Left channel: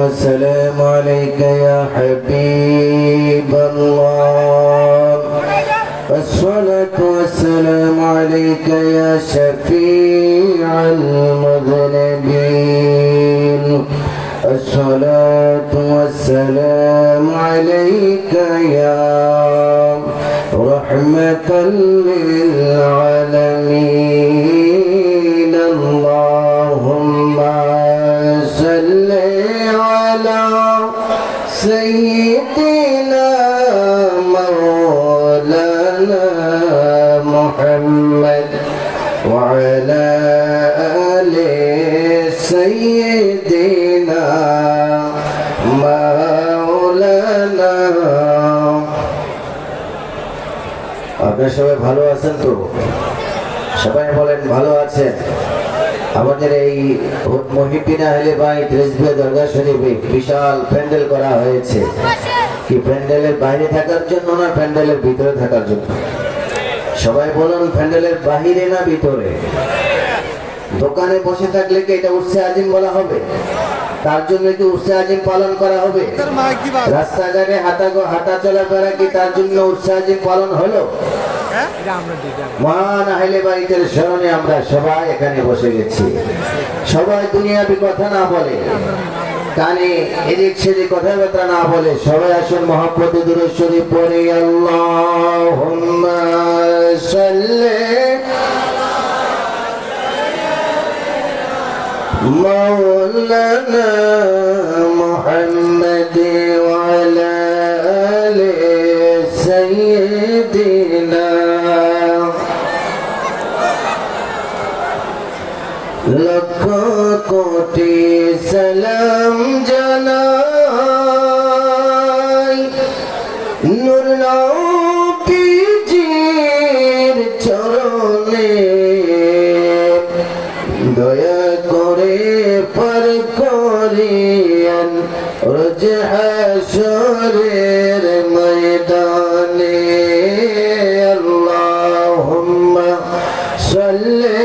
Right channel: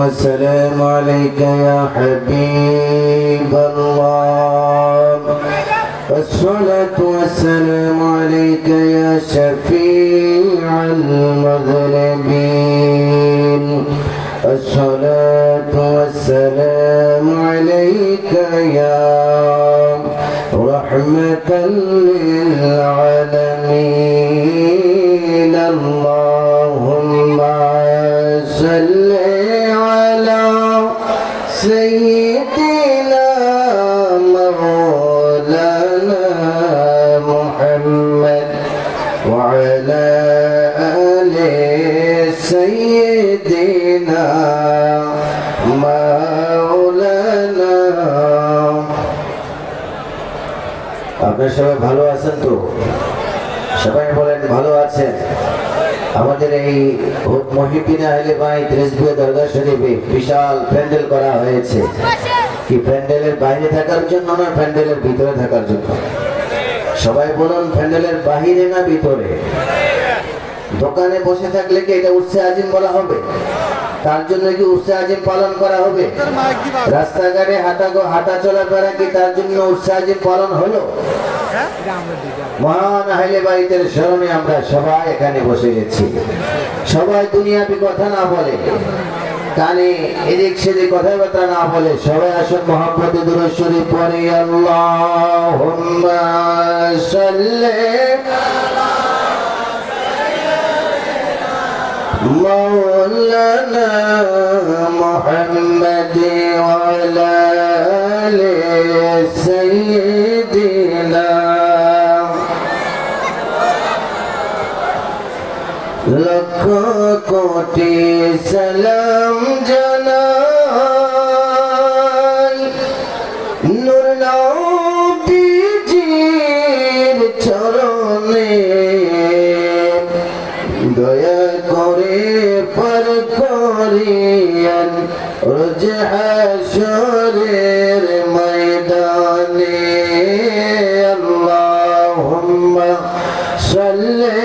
السلام عليك يا حبيب الله. الصلاة والسلام عليك يا شفيع المذنبين. الصلاة والسلام عليك يا رحمة للعالمين. اللهم صل على سيدنا مولانا محمد وعلى آل سيدنا مولانا। আপনারা সবাই ভালো আছেন তো? সবাই বলেন ভালো আছেন। আমাদের এই মহিউদ্দিন আহলে বাইত রিজভিয়া দরগা শরীফে বিশাল প্যান্ডেল করা হয়েছে। কি প্যান্ডেলের বাইরে থাকার জন্য না প্যান্ডেলের ভিতরে থাকার জন্য? সবাই বলুন, প্যান্ডেলের বাহিরে না ভিতরে? দোকানে বসে থাকলে কি এটা উর্সে আজিম বলা হবে? তার জন্য কি উর্সে আজিম পালন করা হবে? রাস্তাঘাটে হাঁটা চলাফেরা কি তার জন্য উর্সে আজিম পালন হলো? মহান আহলে বাইতের স্মরণে আমরা সবাই এখানে বসে গেছি। সবাই দুনিয়াবি কথা না বলে, কানে এদিক সেদিক কথাবার্তা না বলে সবাই আসুন মহব্বতে দুরূদ শরীফ পড়ি। আল্লাহুম্মা সাল্লি মাওলানা মুহাম্মাদ ওয়া আলা আলি সাইয়্যিদিনা। লক্ষ কোটি সালাম জানাই নূর নবীজির চরণে, দয়া করে পার করিয়েন রোজ হাশরের ময়দানে। আল্লাহুম্মা সাল্লি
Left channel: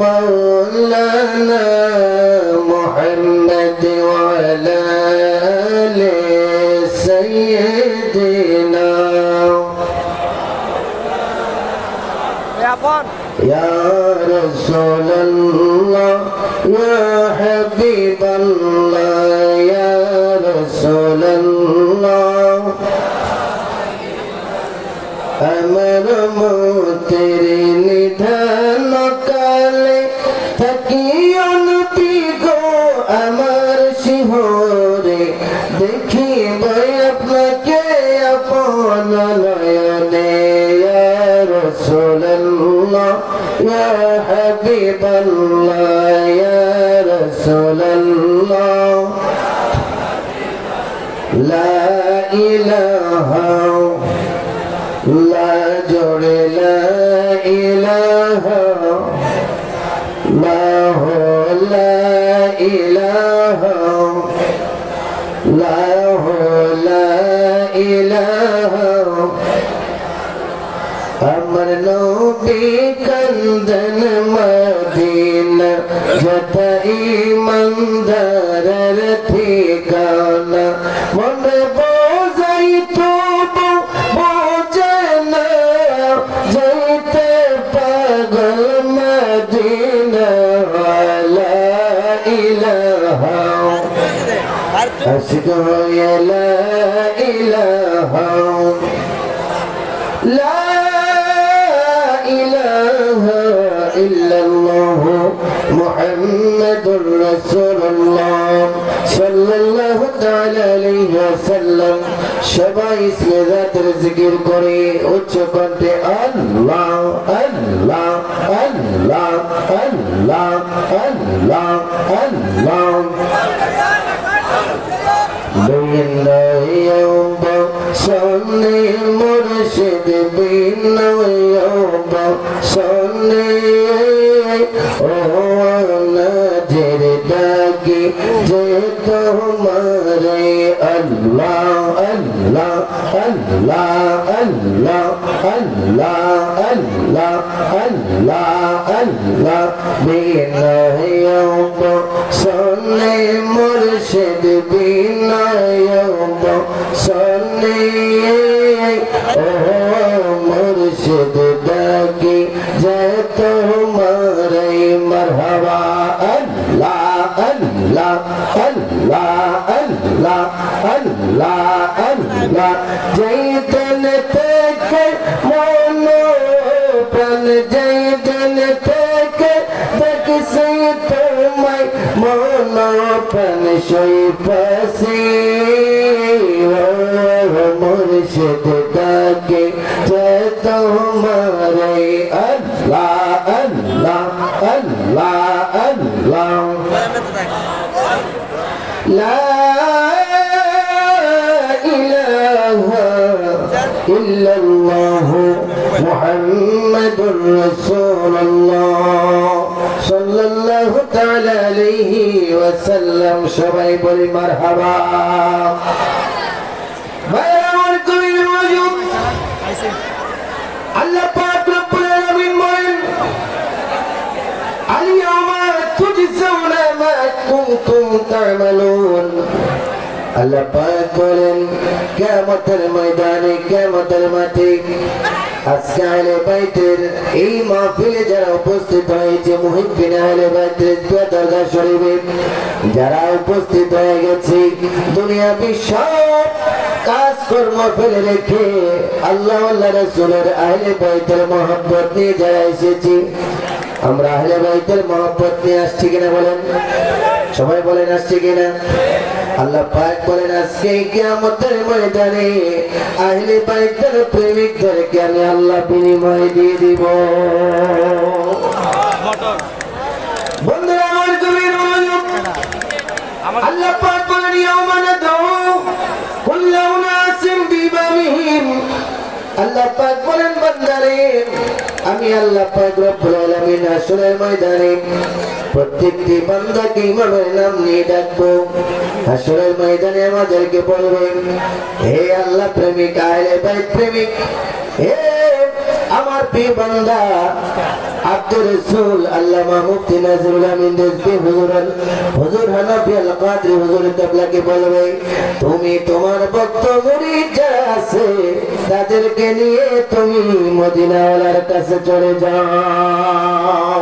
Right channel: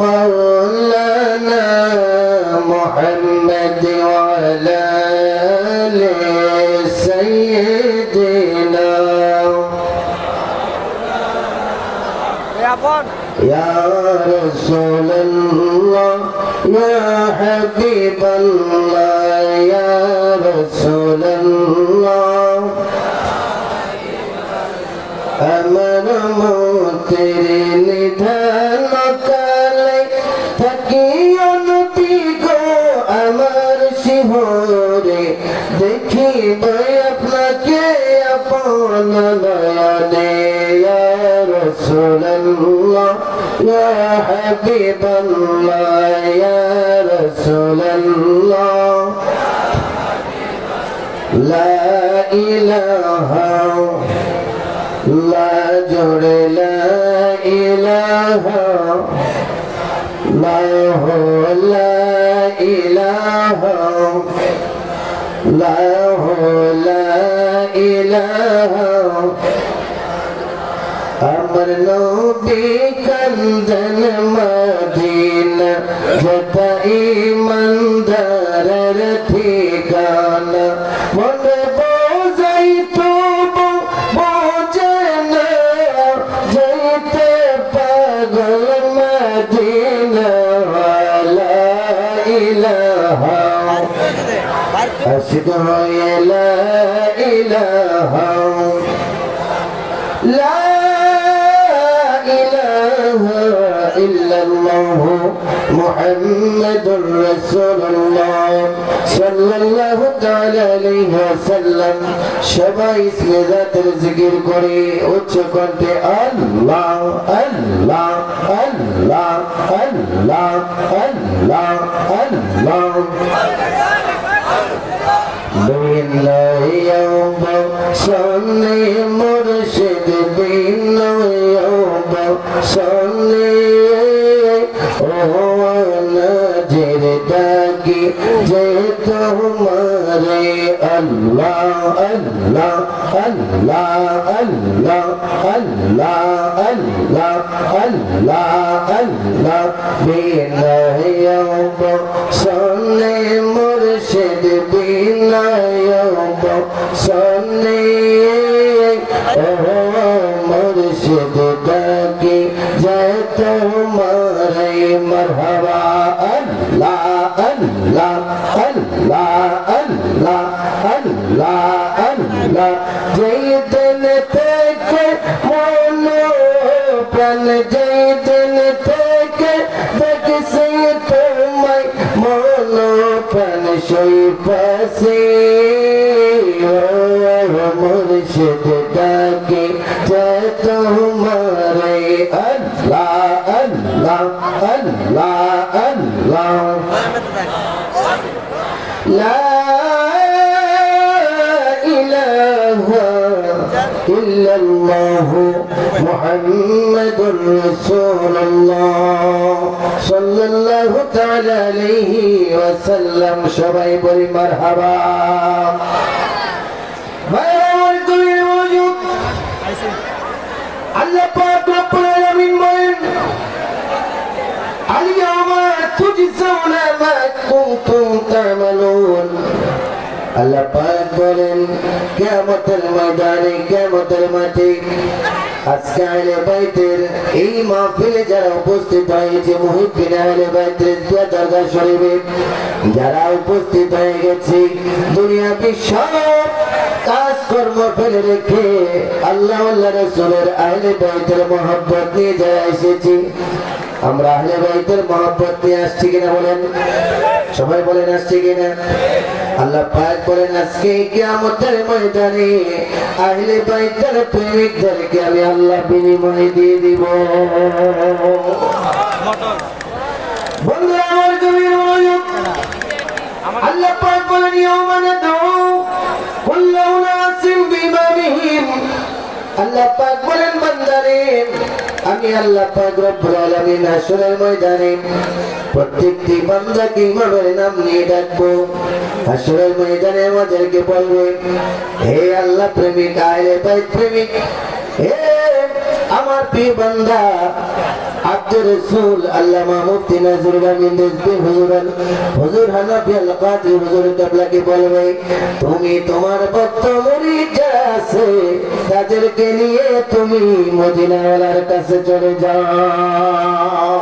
مولانا محمد وعلى آل سيدنا يا رسول الله يا حبيب الله يا رسول الله أمر موتر নিধান কালে থাকি অনতি গো আমার শিহরে, দেখি আপনাকে আপন নয়নে। ইয়া রাসূলুল্লাহ ইয়া হাবিবাল্লাহ ইয়া রাসূলুল্লাহ লা ইলাহা লা জোড়ে লা ইলাহা লা লা ইলাহা লা লা ইলাহা। আমার নবী কান্দন মদিনা যত ইমানদারের ঠিকানা, মনে বোঝাই তো বোঝে না যেতে পাগল মদিনা। লা ইলাহা আশিক হয়ে লা ইলাহা লা ইলাহা ইল্লাল্লাহ মুহাম্মাদুর রাসূলুল্লাহ সাল্লাল্লাহু তাআলা আলাইহি ওয়াসাল্লাম। সবাই ইসমে জাতের জিকির করে উচ্চ কণ্ঠে আল্লাহ আল্লাহ আল্লাহ আল্লাহ আল্লাহ আল্লাহ। বিনয়বা সামনে মুর্শিদ বিনয়বা সামনে ও নজর ডাকি যে তোমারে আল্লাহ আল্লাহ আল্লাহ আল্লাহ আল্লাহ আল্লাহ আল্লাহ আল্লাহ আল্লাহ বিনয়ব সনে মুর্শিদ বিনয়ব সনে ও মুর্শিদ ডাকি জয় তোমারে মারহাবা আল্লাহ আল্লাহ আল্লাহ আল্লাহ আল্লাহ আল্লাহ যেই দিন থেকে মন প্রাণ যেই দিন থেকে দেখছি তোমায় মন প্রাণ সই পাশে মুর্শিদ ডাকে জয় তোমারে আল্লাহ আল্লাহ আল্লাহ আল্লাহ লা ইলাহা ইল্লাল্লাহ মুহাম্মাদুর রাসূলুল্লাহ সাল্লাল্লাহু তাআলা আলাইহি ওয়াসাল্লাম সবাই বলি মারহাবা ভাইরার কুলির মওজুদ আল্লাহ পাক রব্বুল আলামিন বলেন আল-ইয়াওমা তুজজাউনা মা কুনতুম তা'মালুন আল্লাহ পাক বলেন কিয়ামতের ময়দানে কিয়ামতের মাঠে আজকে আহলে বাইতের এই মাহফিলে যারা উপস্থিত হয়েছে মুহিব্বিন আহলে বাইতের দরগা শরীফে যারা উপস্থিত হয়ে গেছে দুনিয়া সব কাজকর্ম ফেলে রেখে আল্লাহ আল্লাহ রাসূলের আহলে বাইতের মহব্বত নিয়ে যারা এসেছি আমরা আহলে বাইতের মহব্বত নিয়ে আসছি কিনা বলেন সবাই বলেন আসছি কিনা আল্লাহ পাক বলেন আজকে কিয়ামতের ময়দানে আহলে বাইতের প্রেমিকদেরকে আমি আল্লাহ বিনিময় দিয়ে দিব বন্ধুরা আমার গভীর মনোযোগ আল্লাহ পাক বলেন ইয়াওমা নাদউ কুল্লু উনাসিন বিইমামিহিম আল্লাহ পাক বলেন বান্দারে আমি আল্লাহ পাক রব্বুল আলামিন হাসরের ময়দানে প্রত্যেকটি বান্দাকে ইমামের নাম নিয়ে ডাকবো হাসরের ময়দানে আমাদেরকে বলবে হে আল্লাহ প্রেমিক আহলে বাইত প্রেমিক হে আমার প্রিয় বান্দা আব্দুর রাসূল আল্লামা মুফতি নজরুল আমিন রিজভী হুজুর হানাফি আল কাদরি হুজুর কেবলাকে বলবে তুমি তোমার ভক্ত মুরিদ যারা আছে তাদেরকে নিয়ে তুমি মদিনাওয়ালার কাছে চলে যাও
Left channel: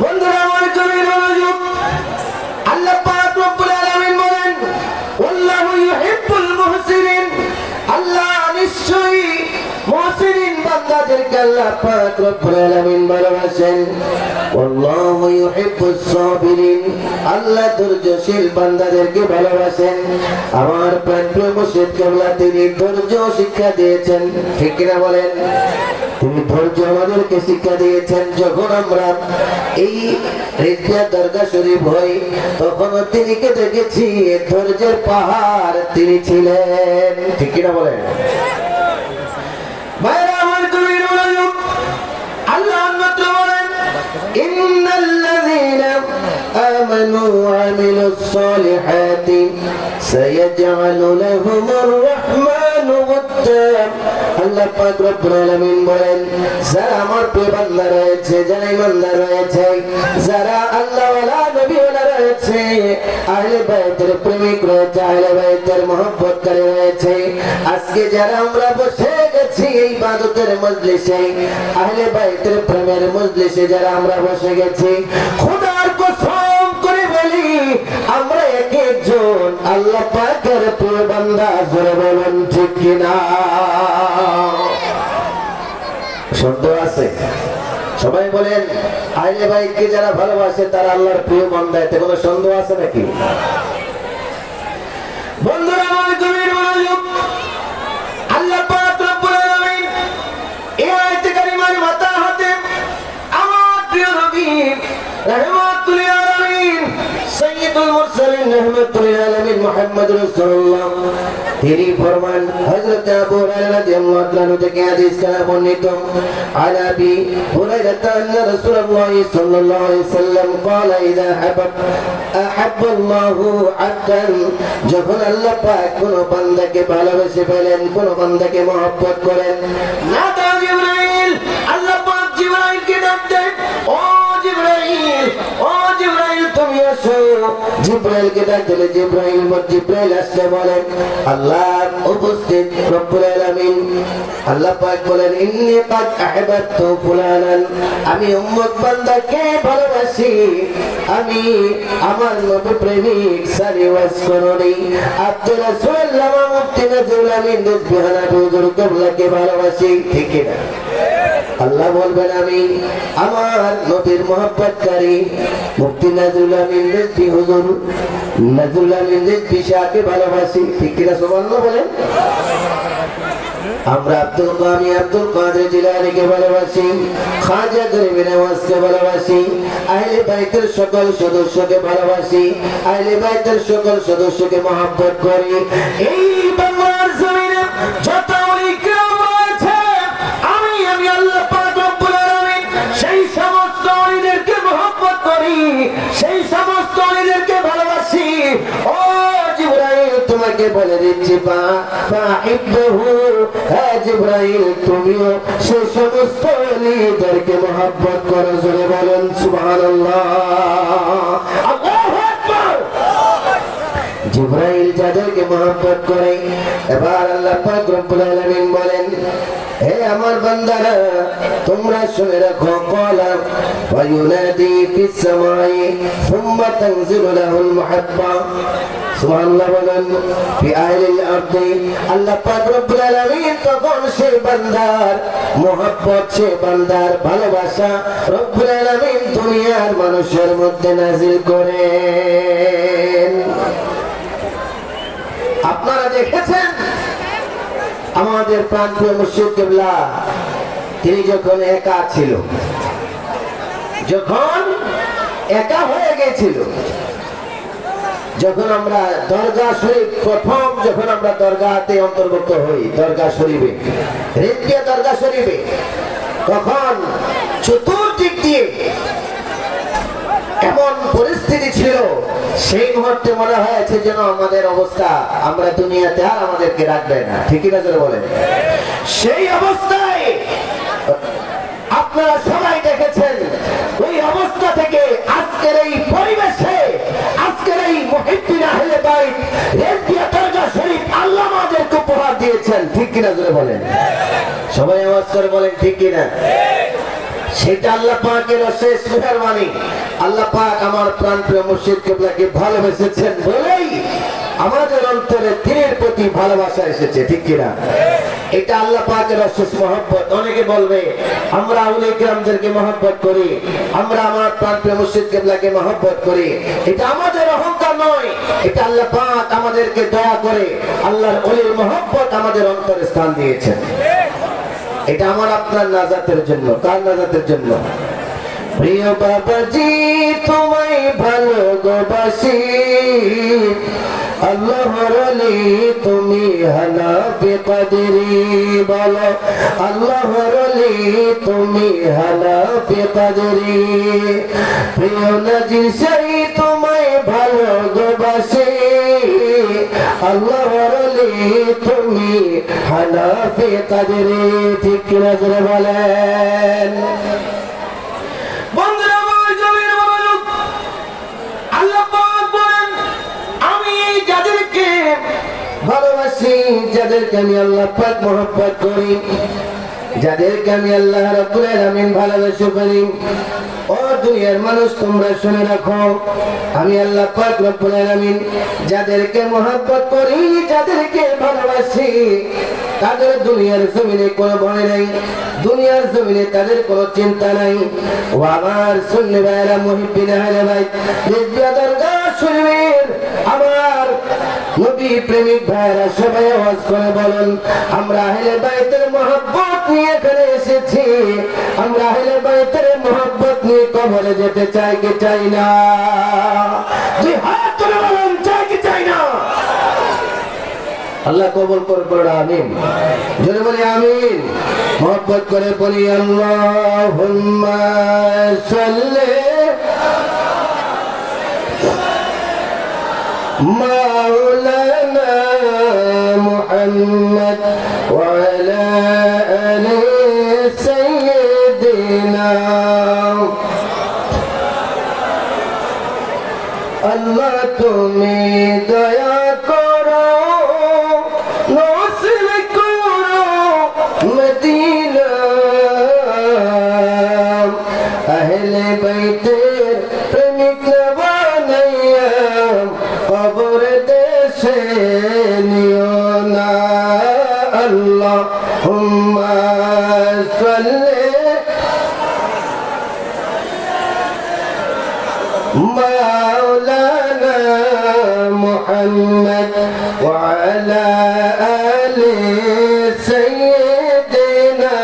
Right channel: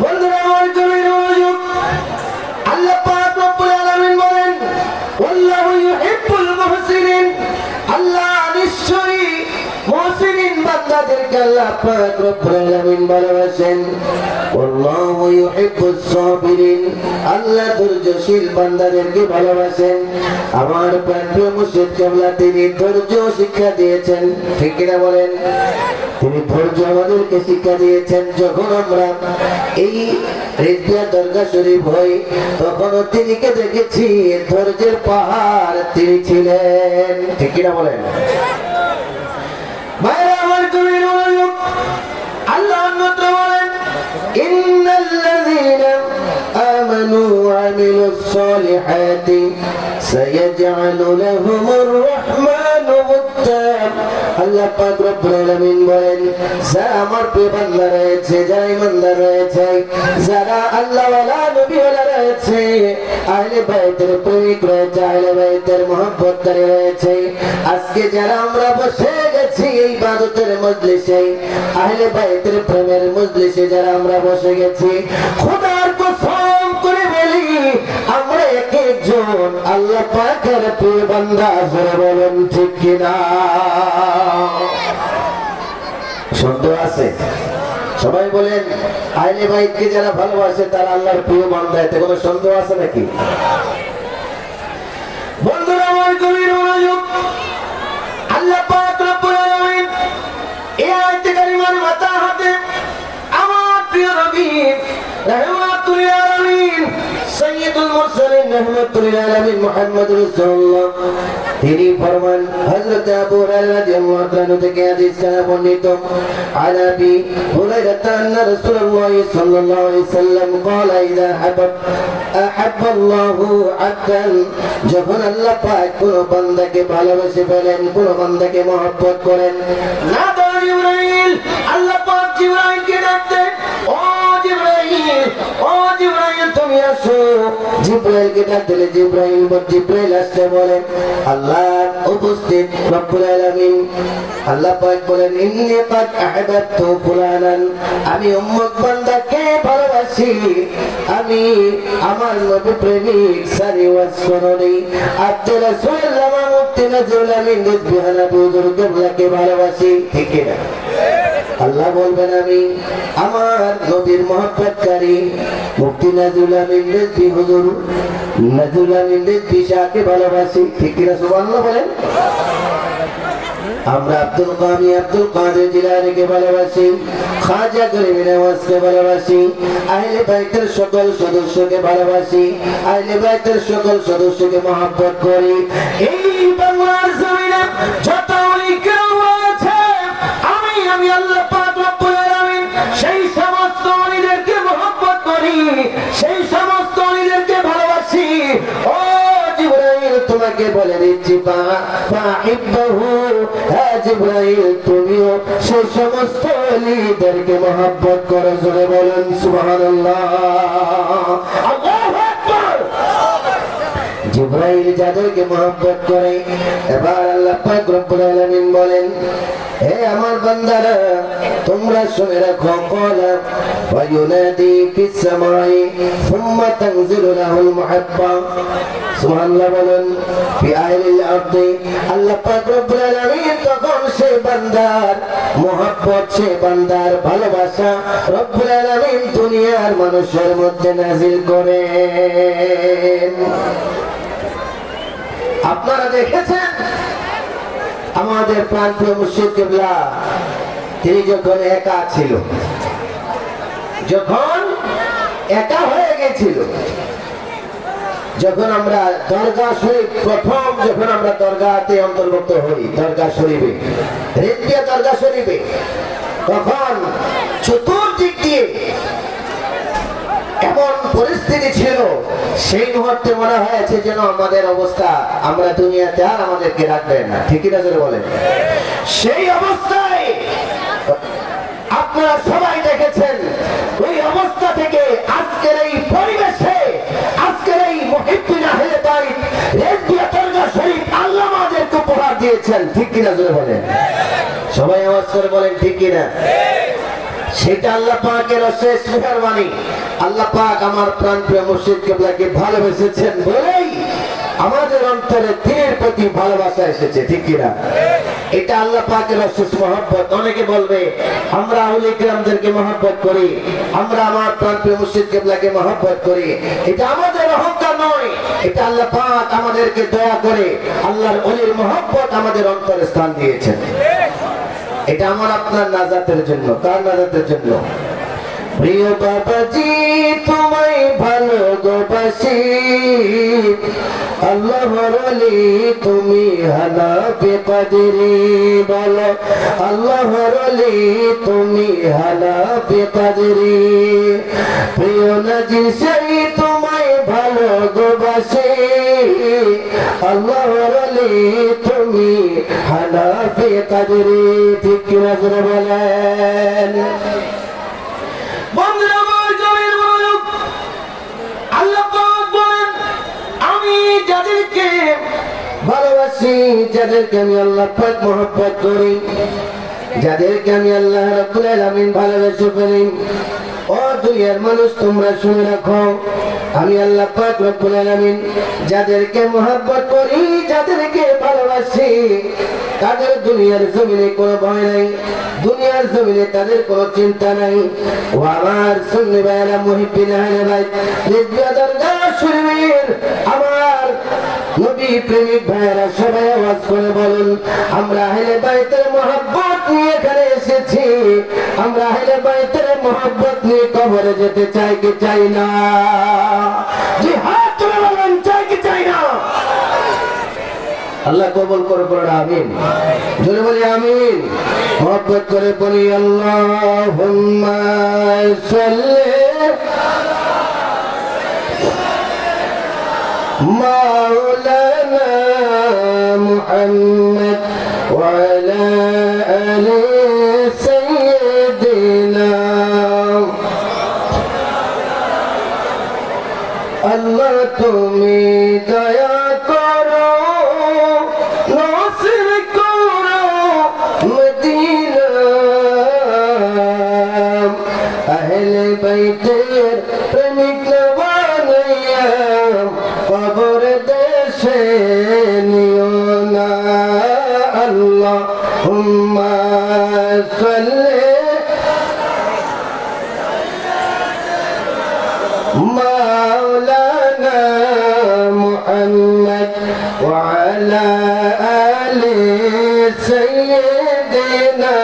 বন্ধুরা আমার জমির মনোযোগ আল্লাহ পাক রব্বুল আলামিন বলেন আল্লাহু ইউহিব্বুল মুহসিনিন আল্লাহ নিশ্চয়ই মুহসিনিন বান্দাদেরকে আল্লাহ পাক রব্বুল আলামিন ভালোবাসেন আল্লাহু ইউহিব্বুস সাবিরিন আল্লাহ ধৈর্যশীল বান্দাদেরকে ভালোবাসেন আমার প্রিয় মুর্শিদ কেবলা তিনি ধৈর্য শিক্ষা দিয়েছেন ঠিক কিনা বলেন তিনি ধৈর্য আমাদেরকে শিক্ষা দিয়েছেন যখন আমরা এই রেজিয়া দরগা শরীফ হই তখন তিনিকে দেখেছি ধৈর্যের পাহাড় তিনি ছিলেন ঠিক কিনা বলেন ভাইরা আমার গভীর মনোযোগ আল্লাহ মাত্র বলেন ইন্নাল্লাযীনা আমানু ওয়া আমিলুস সালিহাতি সায়াজআলু লাহুমুর রাহমানু ওয়াদ্দা আল্লাহ পাক রব্বুল আলামিন বলেন যারা আমার প্রিয় বান্দা রয়েছে যারা ঈমানদার রয়েছে যারা আল্লাহ ওয়ালা নবী ওয়ালা রয়েছে আহলে বাইতের প্রেমিক রয়েছে আহলে বাইতের মহব্বতকারী রয়েছে আজকে যারা আমরা বসে গেছি এই ইবাদতের মজলিসে আহলে বাইতের প্রেমের মজলিসে যারা আমরা বসে গেছি খোদার কসম করে বলি আমরা এক একজন আল্লাহ পাকের প্রিয় বান্দা জোরে বলুন ঠিক কিনা সন্দেহ আছে সবাই বলেন আহলে বাইতকে যারা ভালোবাসে তারা আল্লাহর প্রিয় বান্দা এতে কোনো সন্দেহ আছে নাকি বন্ধুরা আমার গভীর মনোযোগ আল্লাহ পাক রব্বুল আলামিন এই আয়াতে কারিমার মাথা হাতে আমার প্রিয় নবী রাহমাতুল লিল আলামিন সাইয়্যিদুল মুরসালিন রাহমাতুল লিল আলামিন মুহাম্মদ রাসূলুল্লাহ তিনি ফরমান হযরত আবু হুরায়রা রাদিয়াল্লাহু তাআলা থেকে হাদিস বর্ণিত আলাবি হুরায়রা আন্না রাসূলুল্লাহ সাল্লাল্লাহু আলাইহি ওয়াসাল্লাম قال اذا احب الله عبدا যখন আল্লাহ পাক কোন বান্দাকে ভালোবেসে ফেলেন কোন বান্দাকে মহব্বত করেন নাদা জিবরাইল আল্লাহ পাক জিবরাইলকে ডাক দেন, ও জিবরাইল, ও জিবরাইল তুমি আসো। জিবরাইলকে ডাক দিলে জিবরাইল আসতে বলেন, আল্লাহ উপস্থিত রব্বুল আলামিন। আল্লাহ পাক বলেন, ইন্নী কাদ আহবাবতু ফুলানান, আমি উম্মত বান্দাকে ভালোবাসি। আমি আমার নবী প্রেমিক সারি ওয়াসফরনি আব্দুল রাসূলুল্লাহ মুফতি নজরুল আমিন রিজওয়ানা হুজুর কিবলাকে ভালোবাসি। ঠিক না? আল্লাহ বলবেন, আমি আমার নবীর মহব্বতকারী মুফতি নজরুল আমিন রিজভী হুজুর নজরুল আমিন রিজভী শাহকে ভালোবাসি। ঠিক না? সুবহানাল্লাহ বলেন। আমরা আব্দুল কাদের জিলানীকে ভালোবাসি, খাজা গরিব নওয়াজকে ভালোবাসি, আহলে বাইতের সকল সদস্যকে ভালোবাসি, আহলে বাইতের সকল সদস্যকে মহব্বত করি। এই বাংলার জমিনে যত ইকরাম আছে, আমি আল্লাহ পাক রব্বুল আলামিন সেই সমস্ত ওলিদেরকে মহব্বত করি, সেই সমস্ত ওলিদেরকে ভালোবাসি। ও জিবরাইল তোমাকে বলে দিচ্ছি, ফাহিব্বহু, হ্যাঁ জিবরাইল তুমিও সেই সমস্ত ওলিদেরকে মহব্বত করো। জোরে বলুন সুবহানাল্লাহ, আল্লাহু আকবার। জিবরাইল যাদেরকে মহব্বত করে, এবার আল্লাহ পাক রব্বুল আলামিন বলেন, হে আমার বান্দারা তোমরা শুনে রাখো, ক্বালা ওয়া ইউনাদি ফিস সামাই সুম্মা তানজিলু লাহুল মুহাব্বা। সুবহানাল্লাহ বলেন। ফি আহলিল আরদি, আল্লাহ পাক রব্বুল আলামিন তখন সেই বান্দার মহব্বত, সেই বান্দার ভালোবাসা রব্বুল আলামিন দুনিয়ার মানুষের মধ্যে নাযিল করেন। আপনারা দেখেছেন আমাদের প্রান্তীয় মুর্শিদ কিবলা, তিনি যখন একা ছিল, যখন একা হয়ে গেছিল, যখন আমরা দরগা শরীফ প্রথম যখন আমরা দরগাতে অন্তর্ভুক্ত হই, দরগা শরীফে রেন্দিয়া দরগা শরীফে, তখন চতুর্দিক দিয়ে এমন পরিস্থিতি ছিল, সেই মুহূর্তে মনে হয়েছে যেন আমাদের অবস্থা, আমরা দুনিয়াতে আর আমাদেরকে রাখবে না। ঠিক না বলেন? সেই অবস্থায় আপনারা সবাই দেখেছেন, ওই অবস্থা থেকে আজকের এই পরিবেশে, আজকের এই মুহিব্বিন আহলে বাইত রেন্দিয়া দরগা শরীফ আল্লাহ আমাদেরকে উপহার দিয়েছেন। ঠিক কিনা জোরে বলেন, সবাই আওয়াজ করে বলেন ঠিক কিনা? সেটা আল্লাহ পাকের অশেষ মেহেরবানি। আল্লাহ পাক আমার প্রাণপ্রিয় মুর্শিদ কিবলাকে ভালোবেসেছেন বলেই আমাদের অন্তরে দিনের প্রতি ভালোবাসা এসেছে। ঠিক কিনা? এটা আল্লাহ পাকের অশেষ মহব্বত। অনেকে বলবে আমরা আউলিয়া কিরামদেরকে মহব্বত করি, আমরা আমার প্রাণপ্রিয় মুর্শিদ কিবলাকে মহব্বত করি। এটা আমাদের অহংকার নয়, এটা আল্লাহ পাক আমাদেরকে দয়া করে আল্লাহর ওলির মহব্বত আমাদের অন্তরে স্থান দিয়েছেন। এটা আমার আপনার নাজাতের জন্য। কার নাজাতের জন্য? প্রিয় বাবাজি তোমায় ভালোবাসি, আল্লাহর ওলি তুমি হানাফি কাদেরি, বলো আল্লাহর ওলি তুমি হানাফি কাদেরি। প্রিয় নজির সেই তোমায় ভালোবাসি, আল্লাহর ওলি তুমি হানাফি কাদেরি। ঠিক কিনা জোরে বলেন? ভালোবাসি, যাদেরকে আমি আল্লাহ পাক মহব্বত করি, যাদেরকে আমি আল্লাহ রাব্বুল আলামিন ভালোবেসে করি। ও দুনিয়ার মানুষ তোমরা শুনে রাখো, আমি আল্লাহ পাক রব্বুল আলামিন যাদেরকে মহব্বত করি, যাদেরকে ভালোবাসি, তাদের দুনিয়ার জমিনে কোনো ভয় নাই, দুনিয়ার জমিনে তাদের কোনো চিন্তা নাই। ও আমার সুন্নি ভাইরা, মুহিব্বিন আহলে বাইত রেন্দিয়া দরগা শরীফের আমার নবী প্রেমিক ভাইরা, সবাই আওয়াজ করে বলুন, আমরা আহলে বাইতের মহব্বত নিয়ে এখানে এসেছি। আমরা আহলে বাইতের মহব্বত নিয়ে কবরে যেতে চাই কি চাই না? জি হাত তুলে বলুন, চাই কি চাই না? আল্লাহ কবুল করে পড়া আমিন। জোরে বলি আমিন। মহব্বত করে বলি আল্লাহুম্মা সাল্লি مولانا محمد وعلى آل سيدنا আল্লাহ তুমি দয়া করো নসিব করো মদিনা আহলে বাইতের প্রেমিক বানাইয়া কবর দেশে নিও না আল্লাহুম্মা সাল্লি مولانا محمد وعلى آل سيدنا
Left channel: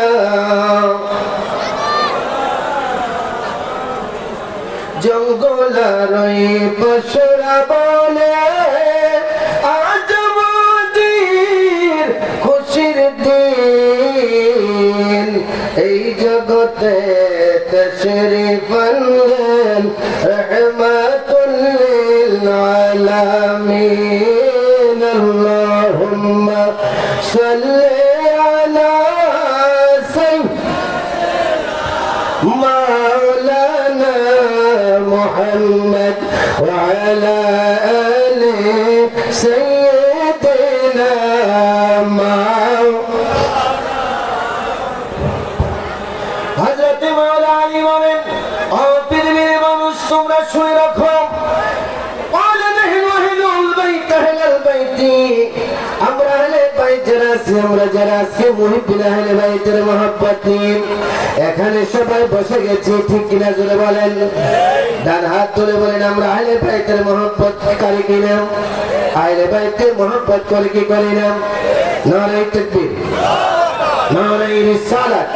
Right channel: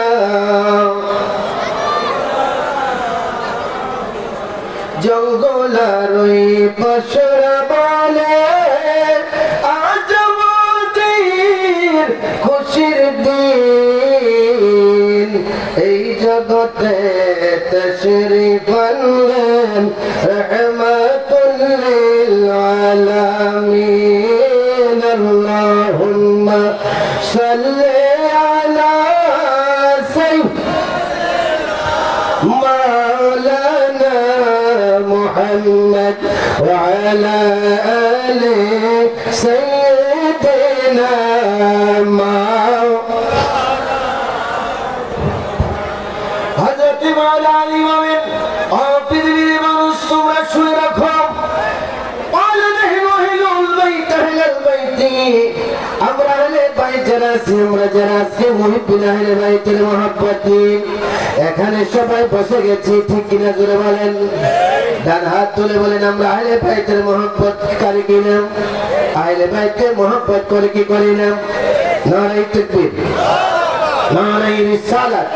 জঙ্গলার ওই পশুরা বলে আজ আমাদের খুশির দিন এই জগতে তশরিফ আনলেন রহমাতুল লিল আলামিন আল্লাহুম্মা সাল্লি আলা مولانا محمد وعلى آل سيدنا حضرت مولانا ইমাম পৃথিবীর মানুষ তোমরা শুনে রাখো قال نحن أهل البيت أهل البيت আমরা আহলে বাইত যারা আছি আমরা যারা আছি মুহিব্বিন আহলে বাইতের মহব্বতি এখানে সবাই বসে গেছি ঠিক কিনা জোরে বলেন ডান হাত তুলে বলেন আমরা আহলে বাইতের মহব্বত করি কিনা আহলে বাইতের মহব্বত করি কি করি না নারে তাকবীর নারে রিসালাত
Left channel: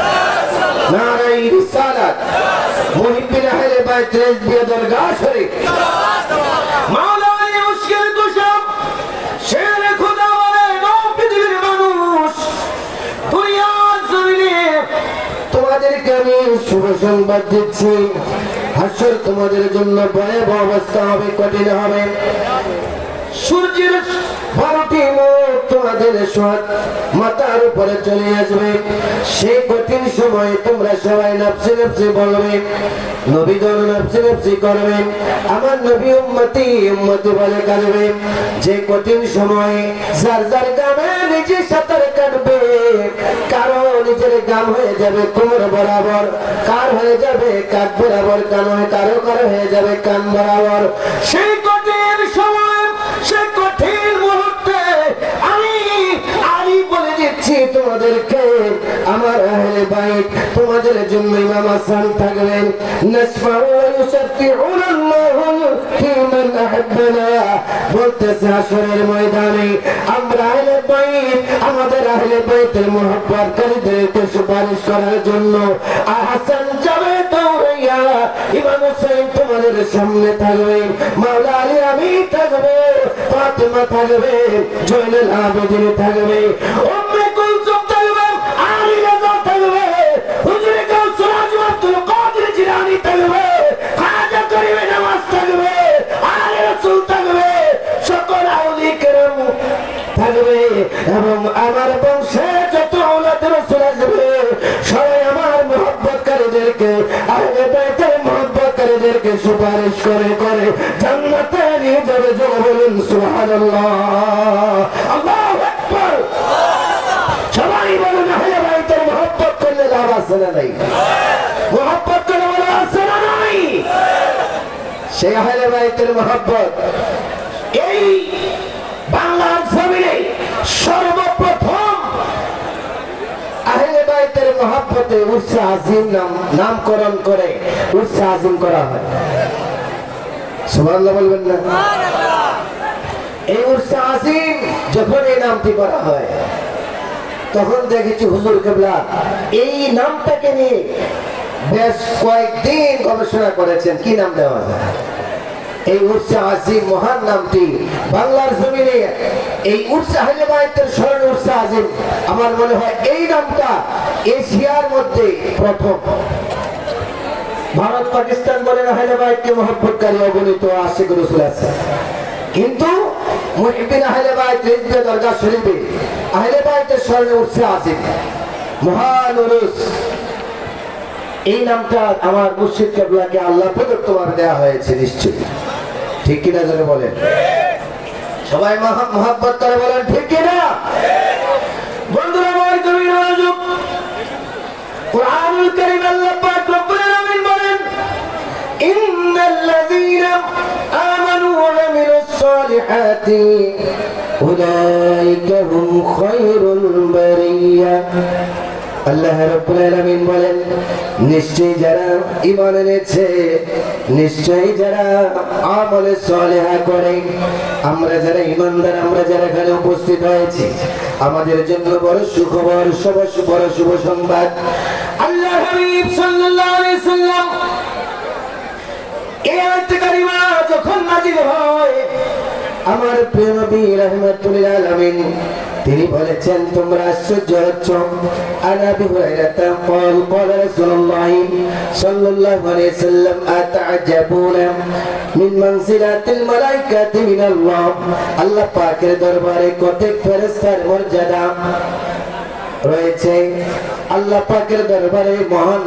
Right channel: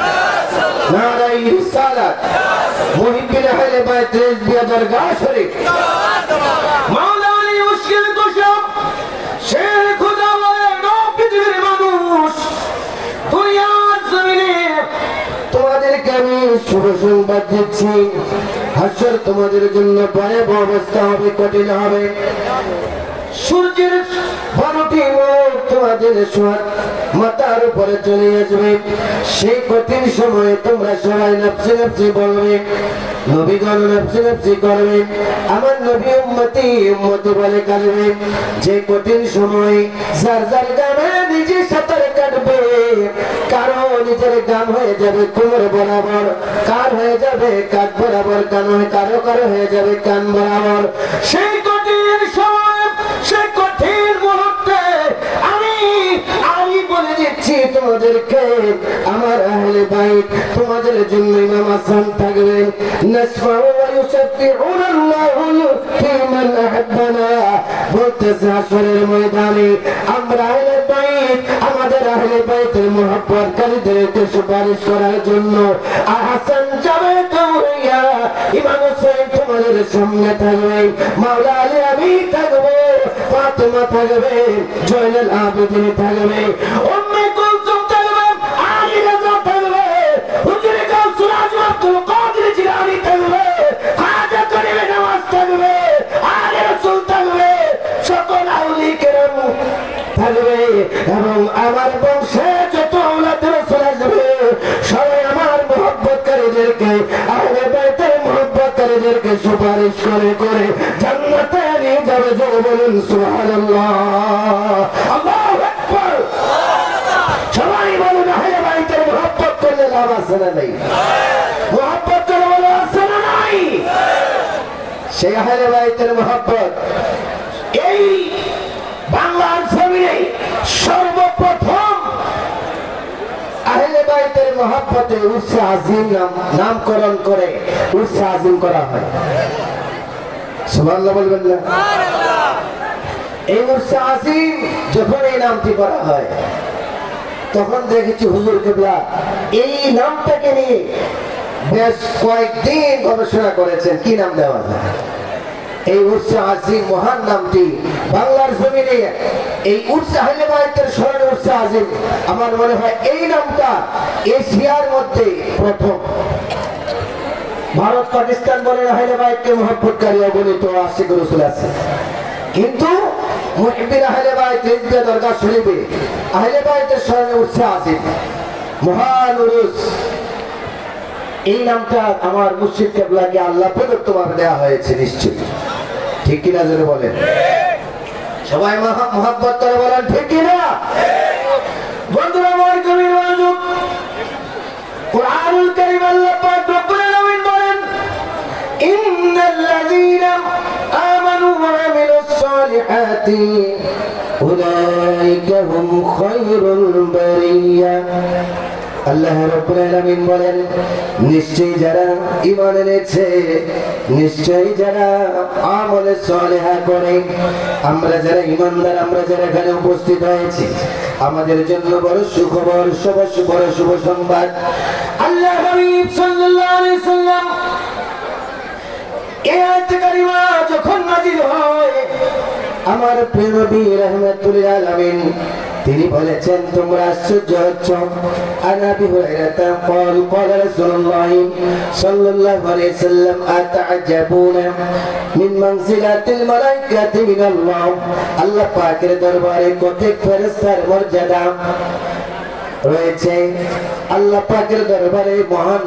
নারে রিসালাত মুহিব্বিন আহলে বাইত রিজবিয়া দরগাহ শরীফ মাওলানা মুশকিল কুশা শের খুদা বলেন ও পৃথিবীর মানুষ দুনিয়ার জমিনে তোমাদেরকে আমি শুভ সংবাদ দিচ্ছি হাসর তোমাদের জন্য ভয়াবহ অবস্থা হবে কঠিন হবে সূর্যের 12টি মুখ তোমাদের মাথার উপরে চলে আসবে সেই কঠিন সময়ে তোমরা সবাই নফসি নফসি বলবে নবীগণ নফসি নফসি করবে আমার নবী উম্মতি উম্মতি বলে কাঁদবে যে কঠিন সময়ে যার যার গামে নিজে সাঁতার কাটবে কারো নিজের গাম হয়ে যাবে কোমর বরাবর কার হয়ে যাবে কাঁধ বরাবর কারো কারো হয়ে যাবে কান বরাবর সেই কঠিন সময় সেই কঠিন মুহূর্তে আমি বলে দিচ্ছি তোমাদেরকে আমার আহলে বাইত তোমাদের জন্য ইমাম হাসান থাকবেন নাসমাউ ওয়া ইউসাব্বিহুনা আল্লাহু ফি মান আহাব্বানা বলতেছে হাসরের ময়দানে আমরা আহলে বাইত আমাদের আহলে বাইতের মহব্বতকারীদেরকে সুপারিশ করার জন্য হাসান যাবে দৌড়াইয়া ইমাম হোসেন তোমাদের সামনে থাকবে মাওলা আলী আমি থাকবো ফাতেমা থাকবে জয়নুল আবেদিন থাকবে উম্মে কুলসুম থাকবে আলী রাজা থাকবে হুজুর কাউসার আজম আব্দুল কাদের জিলানী থাকবে খাজা করিমে নওয়াজ থাকবে আলী রাসূল থাকবে সকল আউলিয়া কেরাম থাকবে এবং আমার বংশে যত আওলাদ রাসূল আসবে সবাই আমার মহব্বতকারীদেরকে আহলে বাইতের মহব্বতকারীদেরকে সুপারিশ করে করে জান্নাতে নিয়ে যাবে জোরে বলুন সুবহানাল্লাহ আল্লাহু আকবার সবাই বলুন আহলে বাইতের মহব্বত করলে লাভ আছে না নাই মহব্বত করলে লাভ আছে না নাই সেই আহলে বাইতের মহব্বত এই বাংলার জমিনে সর্বপ্রথম আহলে বাইতের মহব্বতে উর্স আজিম নামকরণ করে উর্স আজিম করা হয় সুবহানাল্লাহ বলবেন না এই উর্স আজিম যখন এই নামটি করা হয় তখন দেখেছি হুজুর কিবলা এই নামটাকে নিয়ে বেশ কয়েকদিন গবেষণা করেছেন কি নাম দেওয়া হয় এই উর্স আজিম মহান নামটি বাংলার জমিনে এই উর্স আহলে বাইতের স্মরণে উর্স আজিম আমার মনে হয় এই নামটা এশিয়ার মধ্যে প্রথম ভারত পাকিস্তান বলেন আহলে বাইতকে মহব্বতকারী অগণিত আশিক রাসূল আছে কিন্তু মুহিব্বিন আহলে বাইত রিজবিয়া দরগাহ শরীফে আহলে বাইতের স্মরণে উর্স আজিম মহান উরুস এই নামটা আমার মুর্শিদ কিবলাকে আল্লাহ প্রদত্তভাবে দেওয়া হয়েছে নিশ্চয়ই ঠিক কিনা জোরে বলেন, সবাই মহব্বত করে বলেন ঠিক কিনা। বন্ধুরা আমার গভীর মনোযোগ, কুরআনুল কারীম আল্লাহ পাক রব্বুল আলামিন বলেন, ইন্নাল্লাযীনা আমানু ওয়া আমিলুস সালিহাতি উলাইকা হুম খায়রুল বারিয়া। আল্লাহ রাব্বুল আলামিন বলেন, নিশ্চয়ই যারা ঈমান এনেছে, নিশ্চয়ই যারা আমলে সালেহা করে, আমরা যারা ঈমানদার, আমরা যারা এখানে উপস্থিত হয়েছি, আমাদের জন্য বড় সুখবর, বড় শুভ সংবাদ। আল্লাহ হাবিব সাল্লাল্লাহু আলাইহি সাল্লাম এই আয়াত কারিমা যখন নাযিল হয়, আমার প্রিয় নবী রাহমাতুল লিল আলামিন তিনি বলেছেন, তোমরা আশ্চর্য হচ্ছ। আনাবি হুরায়রা قال قال رسول الله صلى الله عليه وسلم أتعجبون من منزلة الملائكة من الله। আল্লাহ পাকের দরবারে কত ফেরেশতার মর্যাদা রয়েছে। আল্লাহ পাকের দরবারে মহান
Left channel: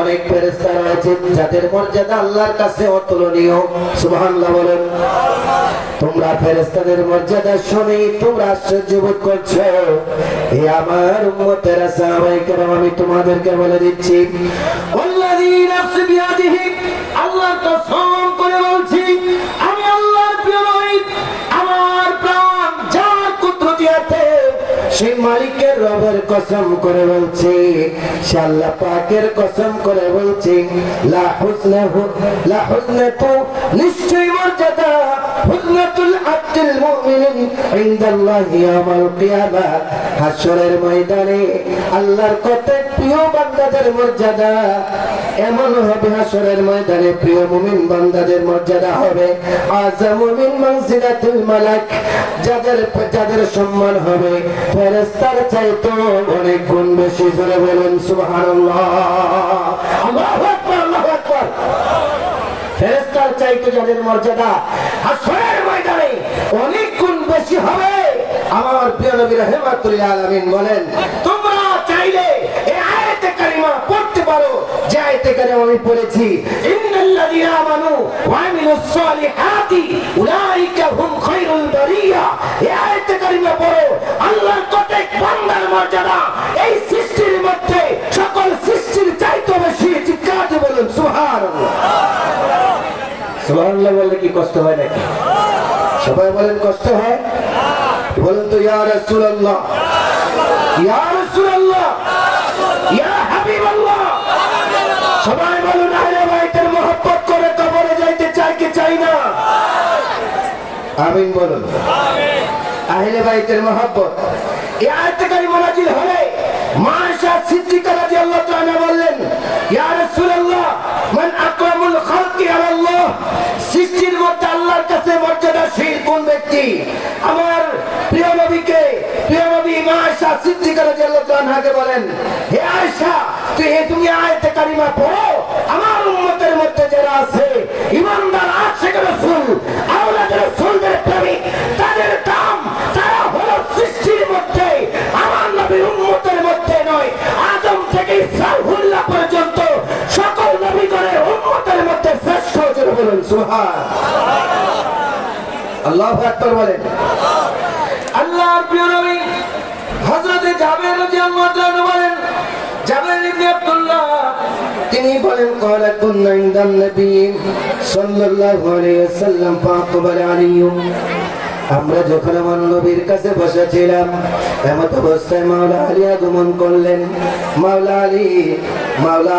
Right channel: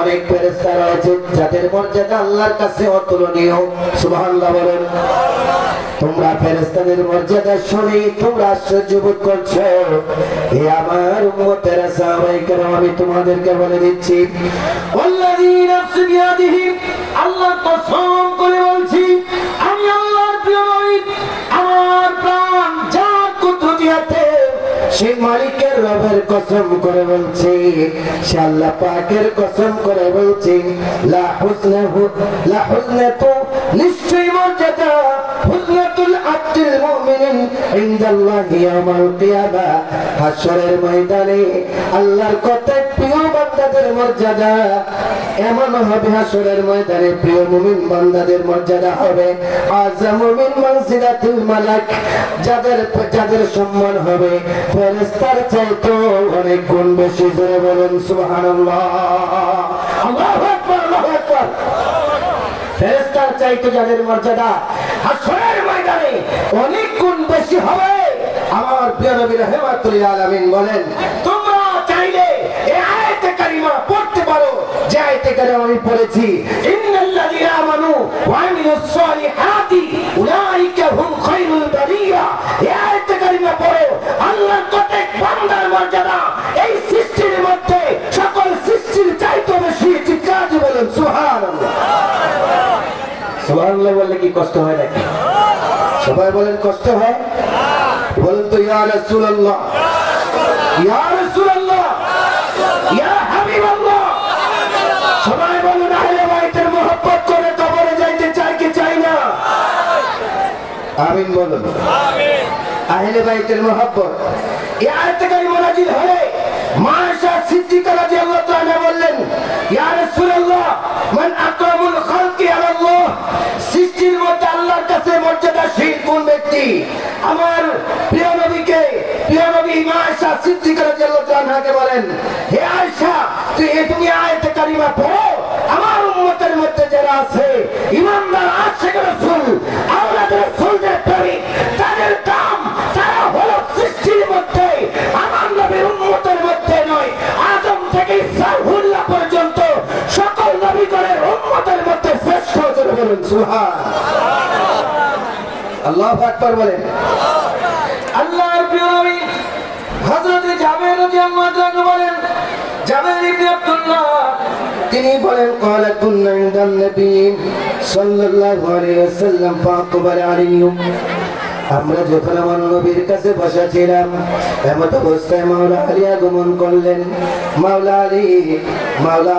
অনেক ফেরেশতা রয়েছে, যাদের মর্যাদা আল্লাহর কাছে অতুলনীয়। সুবহানাল্লাহ বলেন। তোমরা ফেরেশতাদের মর্যাদা শুনে তোমরা আশ্চর্য বোধ করছো। এই আমার উম্মতেরা সাহাবায়ে কেরাম, আমি তোমাদেরকে বলে দিচ্ছি, ওয়াল্লাযী নাফসি বিয়াদিহি, আল্লাহর কসম করে বলছি, আমি আল্লাহর প্রিয় নবী, আমার প্রাণ যার কুদরতি হাতে, সেই মালিকের রবের কসম করে বলছি, সে আল্লাহ পাকের কসম করে বলছি, লা হুসনাতু, নিশ্চয়ই মর্যাদা, হুসনাতুল আব্দুল মুমিনিন ইনদাল্লাহি ইয়াউমাল কিয়ামা, হাশরের ময়দানে আল্লাহর কত প্রিয় বান্দাদের মর্যাদা এমন হবে, হাশরের ময়দানে প্রিয় মুমিন বান্দাদের মর্যাদা হবে আযামু মিন মানজিলাতিল মালাক, যাদের সম্মান হবে ফেরেশতার চাইতে অনেক গুণ বেশি। জোরে বলেন সুবহানাল্লাহ, আল্লাহু আকবার, আল্লাহু আকবার। ফেরেশতার চাইতে যাদের মর্যাদা হাশরের ময়দানে অনেক গুণ বেশি হবে। আমার প্রিয় নবী রাহমাতুল লিল আলামিন বলেন, তোমরা চাইলে এই আয়াতে কারিমা পড়তে পারো, যে আয়াতে কারিমা আমি পড়েছি, ইন্নাল্লাযীনা আমানু ওয়া আমিলুস সালিহাতি উলাইকা হুম খায়রুল বারিয়া। এই আয়াতে কারিমা পড়ো, আল্লাহর কত বান্দার মর্যাদা এই সৃষ্টির মধ্যে সকল সৃষ্টির চাইতে বেশি। চিৎকার দিয়ে বলুন সুবহানাল্লাহ। সুবহানাল্লাহ বললে কি কষ্ট হয় নাকি? সবাই বলেন কষ্ট হয়। বলেন তো ইয়া রাসূলুল্লাহ, ইয়া রাসূলুল্লাহ, ইয়া হাবিবাল্লাহ। সবাই বলুন আহলে বাইতের মহব্বত করে কবরে যাইতে চাই কি চাই না? আমিন বলুন। আহলে বাইতের মহব্বত এই আয়াত কারিমা নাযিল হলে মা আয়েশা সিদ্দিকা রাদিয়াল্লাহু তাআলা বললেন, ইয়া রাসূলুল্লাহ, মান আকরামুল খালকি আলাল্লাহ, সৃষ্টির মধ্যে আল্লাহর কাছে মর্যাদাশীল কোন ব্যক্তি? আমার প্রিয় নবীকে, প্রিয় নবী মা আয়েশা সিদ্দিকা রাদিয়াল্লাহু তাআলাকে বলেন, হে আয়েশা, তুমি আয়াত কারিমা পড়ো, আমার উম্মতের মধ্যে যারা আছে ঈমানদার আশিক রাসূল, আওলাদ রাসূলদের প্রেমিক, তাদের কাম তারা হলো সৃষ্টির মধ্যে আমার নবীর উম্মতের মধ্যে নয়, আদম থেকে সারহুল্লাহ পর্যন্ত সকল নবীগণের উম্মতের মধ্যে শ্রেষ্ঠ। জোরে বলুন সুবহানাল্লাহ, আল্লাহু আকবার বলেন। আল্লাহর প্রিয় নবী হযরত জাবের রাদিয়াল্লাহু আনহু বলেন, জাবের ইবনে আব্দুল্লাহ তিনি বলেন, ক্বালা কুন্না ইনদান নবী সাল্লাল্লাহু আলাইহি ওয়াসাল্লাম ফাআকবাল আলাইহি, আমরা যখন আমার নবীর কাছে বসা ছিলাম, এমত অবস্থায় মাওলা আলী আগমন করলেন। মাওলা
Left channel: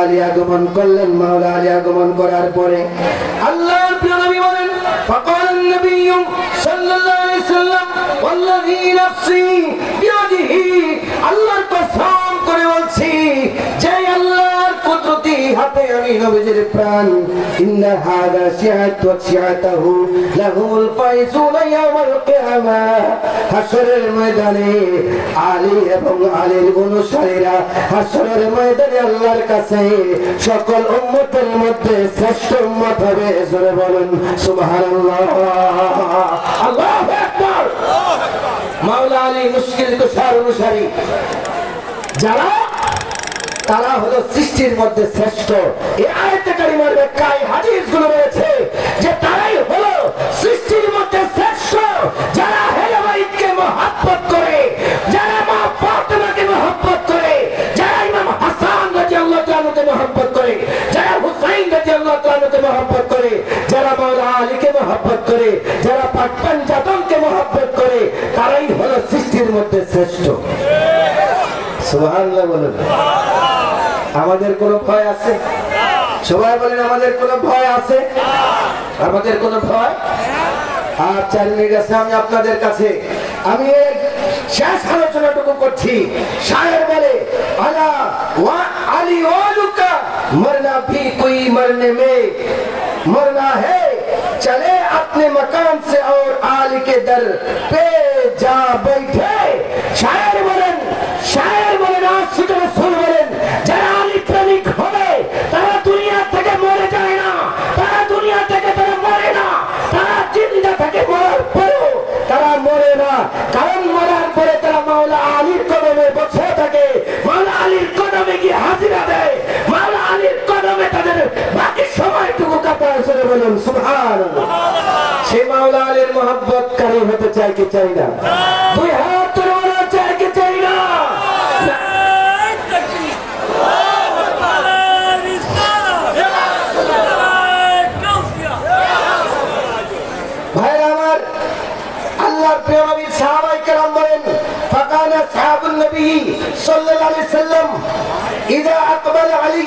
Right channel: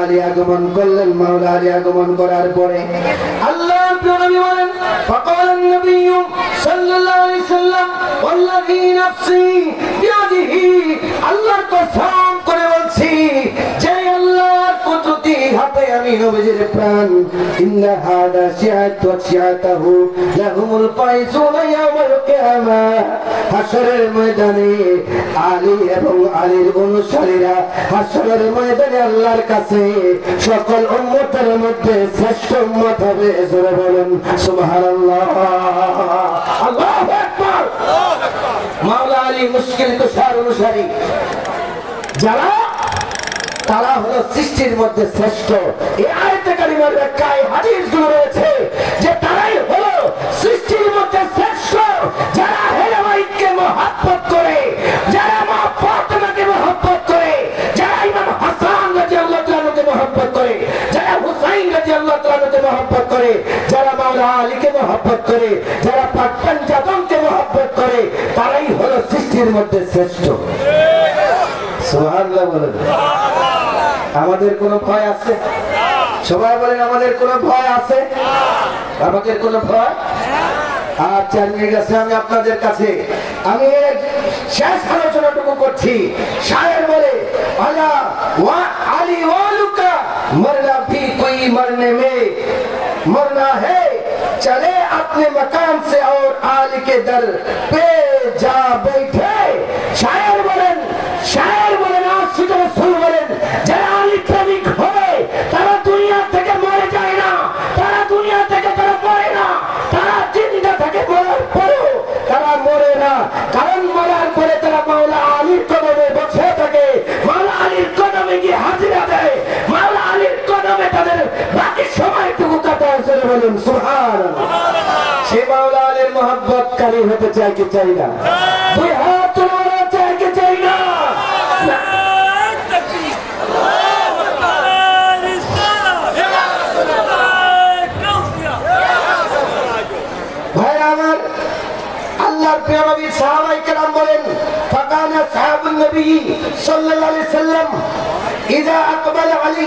আলী আগমন করলেন। মাওলা আলী আগমন করার পরে আল্লাহর প্রিয় নবী বলেন, ফাকালান নবী সাল্লাল্লাহু আলাইহি ওয়াসাল্লাম, ওয়াল্লাযী নাফসি বিয়াদিহি, আল্লাহর কসম করে বলছি, যে আল্লাহর কুদরতি হাতে আমি নবীর প্রাণ, ইন্না হাদা শিআতু শিআতাহু লাহুমুল ফাইজুনা ইয়াওমাল কিয়ামা, হাশরের ময়দানে আলী এবং আলীর অনুসারীরা হাশরের ময়দানে আল্লাহর কাছে সকল উম্মতের মধ্যে শ্রেষ্ঠ উম্মত হবে। জোরে বলুন সুবহানাল্লাহ, আল্লাহু আকবার। মাওলা আলী মুশকিল তুষার অনুসারী যারা, তারা হলো সৃষ্টির মধ্যে শ্রেষ্ঠ। এই আয়াতে কারিমার ব্যাখ্যায় হাদিসগুলো রয়েছে যে তারাই হলো রাদিয়াল্লাহু তাআলাকে মহব্বত করে, যারা মাওলা আলীকে মহব্বত করে, যারা পাট্টান জাদমকে মহব্বত করে, তারাই হলো সৃষ্টির মধ্যে শ্রেষ্ঠ। সুবহানাল্লাহ বলেন। আমাদের কোনো ভয় আছে? সবাই বলেন আমাদের কোনো ভয় আছে? আমাদের কোনো ভয়? আর 4 মিনিট আছে আমি আপনাদের কাছে। আমি শেষ আলোচনাটুকু করছি। শায়ের বলে আলা ওয়া আলী ওয়ালুকা মরনা भी कोई मरने में मरना है चले अपने मकान से और आली के दर पे जा बैठे। शायर বলেন আশিক রাসূল বলেন, যারা আলী প্রেমিক হবে তারা দুনিয়া থেকে মরে যায় না, তারা দুনিয়া থেকে তারা মরে না, তারা জিন্দা থেকে মরার পরেও তারা মরে না। কারণ মরার পরে তারা মাওলা আলীর কদমে বসে থাকে, মাওলা আলীর কদমে গিয়ে হাজিরা দেয়, মাওলা আলীর কদমে তাদের বাকি সময়টুকু কাটায়। চলে বলুন সুবহানাল্লাহ। সে মাওলা আলীর মহব্বতকারী হতে চাই কি চাই না? দুই হাত তুলে বলা চাই কি চাই না? ভাইরা আমার, আল্লাহর প্রিয় নবী সাহাবায়ে কেরাম বলেন, ফাকানা আসহাবুন নবী সাল্লাল্লাহু আলাইহি সাল্লাম ইযা আকবালা আলী,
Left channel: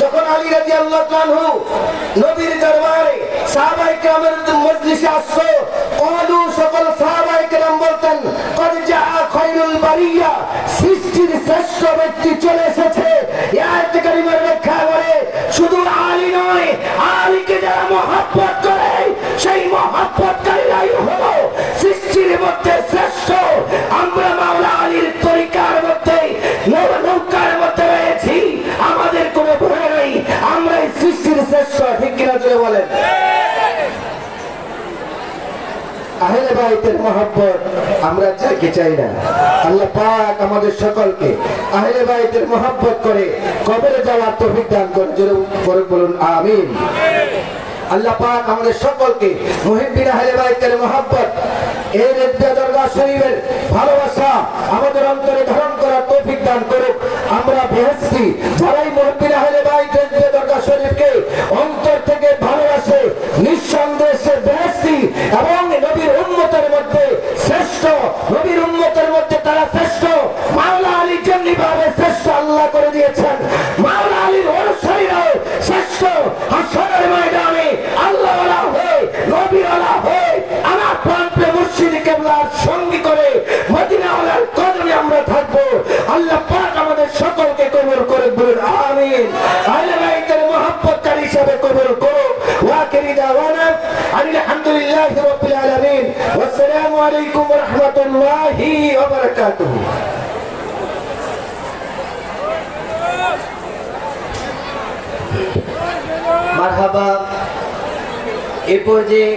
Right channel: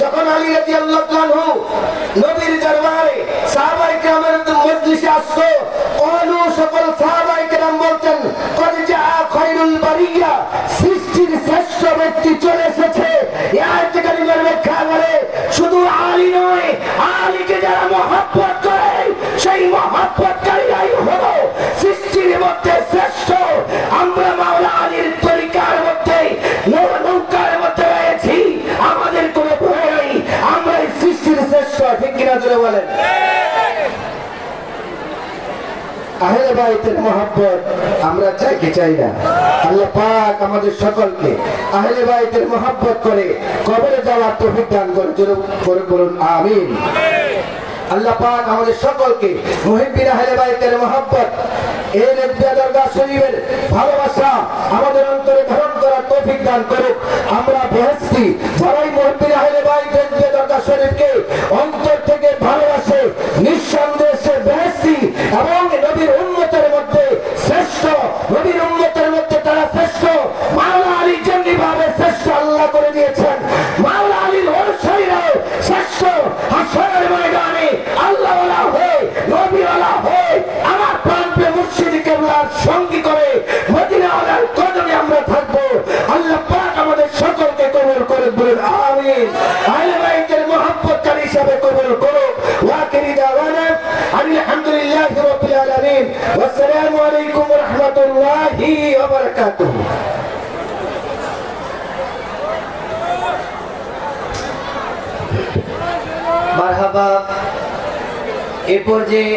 যখন আলী রাদিয়াল্লাহু আনহু নবীর দরবারে সাহাবায়ে কেরামের মজলিসে আসতো, ক্বালু, সকল সাহাবায়ে কেরাম বলতেন, ক্বাদ জাআ খায়রুল বারিয়া, সৃষ্টির শ্রেষ্ঠ ব্যক্তি চলে এসেছে। এই আয়াত কারিমার ব্যাখ্যা করে শুধু আলী নয়, আলীকে যারা মহব্বত করে সেই মহব্বতকারীরাই হলো সৃষ্টির মধ্যে শ্রেষ্ঠ। আমরা মাওলা আলীর তরিকার মধ্যে নৌকার মধ্যে রয়েছি, আমাদের কোনো ভয় নাই, আমরা এই সৃষ্টির শ্রেষ্ঠ। ঠিক কিনা জোরে বলেন? আহলে বাইতের মহব্বত আমরা চাই কি চাই না? আল্লাহ পাক আমাদের সকলকে আহলে বাইতের মহব্বত করে কবরে যাওয়ার তৌফিক দান করুন। জোরে বলুন আমিন। আল্লাহ পাক আমাদের সকলকে মুহিব্বিন আহলে বাইতের মহব্বত, এই নেব্বা দরগাহ শরীফের ভালোবাসা আমাদের অন্তরে ধারণ করার তৌফিক দান করুক। আমরা বেহেশতি যারাই মুহিব্বিন আহলে বাইতের দরগাহ শরীফকে অন্তর থেকে ভালোবাসে, নিঃসন্দেহে সে বেহেশতি এবং নবীর উম্মতের মধ্যে শ্রেষ্ঠ, নবীর উম্মতের মধ্যে তারা শ্রেষ্ঠ। মাওলা আলীর জন্য ভাবে শ্রেষ্ঠ আল্লাহ করে দিয়েছেন, মাওলা আলীর অনুসারীরাও শ্রেষ্ঠ। হাসরের ময়দানে আল্লাহওয়ালা হয়ে, নবীওয়ালা হয়ে, আমার প্রাণপ্রিয় মুর্শিদ কেবলার সঙ্গী করে মদিনাওয়ালার কদমে আমরা থাকবো। আল্লাহ পাক আমাদের সকলকে কবুল করে বলুন আমিন। আহলে বাইতের মহব্বতকারী হিসাবে কবুল করো। ওয়া আখিরি দাওয়ানা আলহামদুলিল্লাহি রাব্বিল আলামিন। ওয়াসসালামু আলাইকুম ওয়া রাহমাতুল্লাহি ওয়া বারাকাতুহু। মারহাবা। এ পর্যায়ে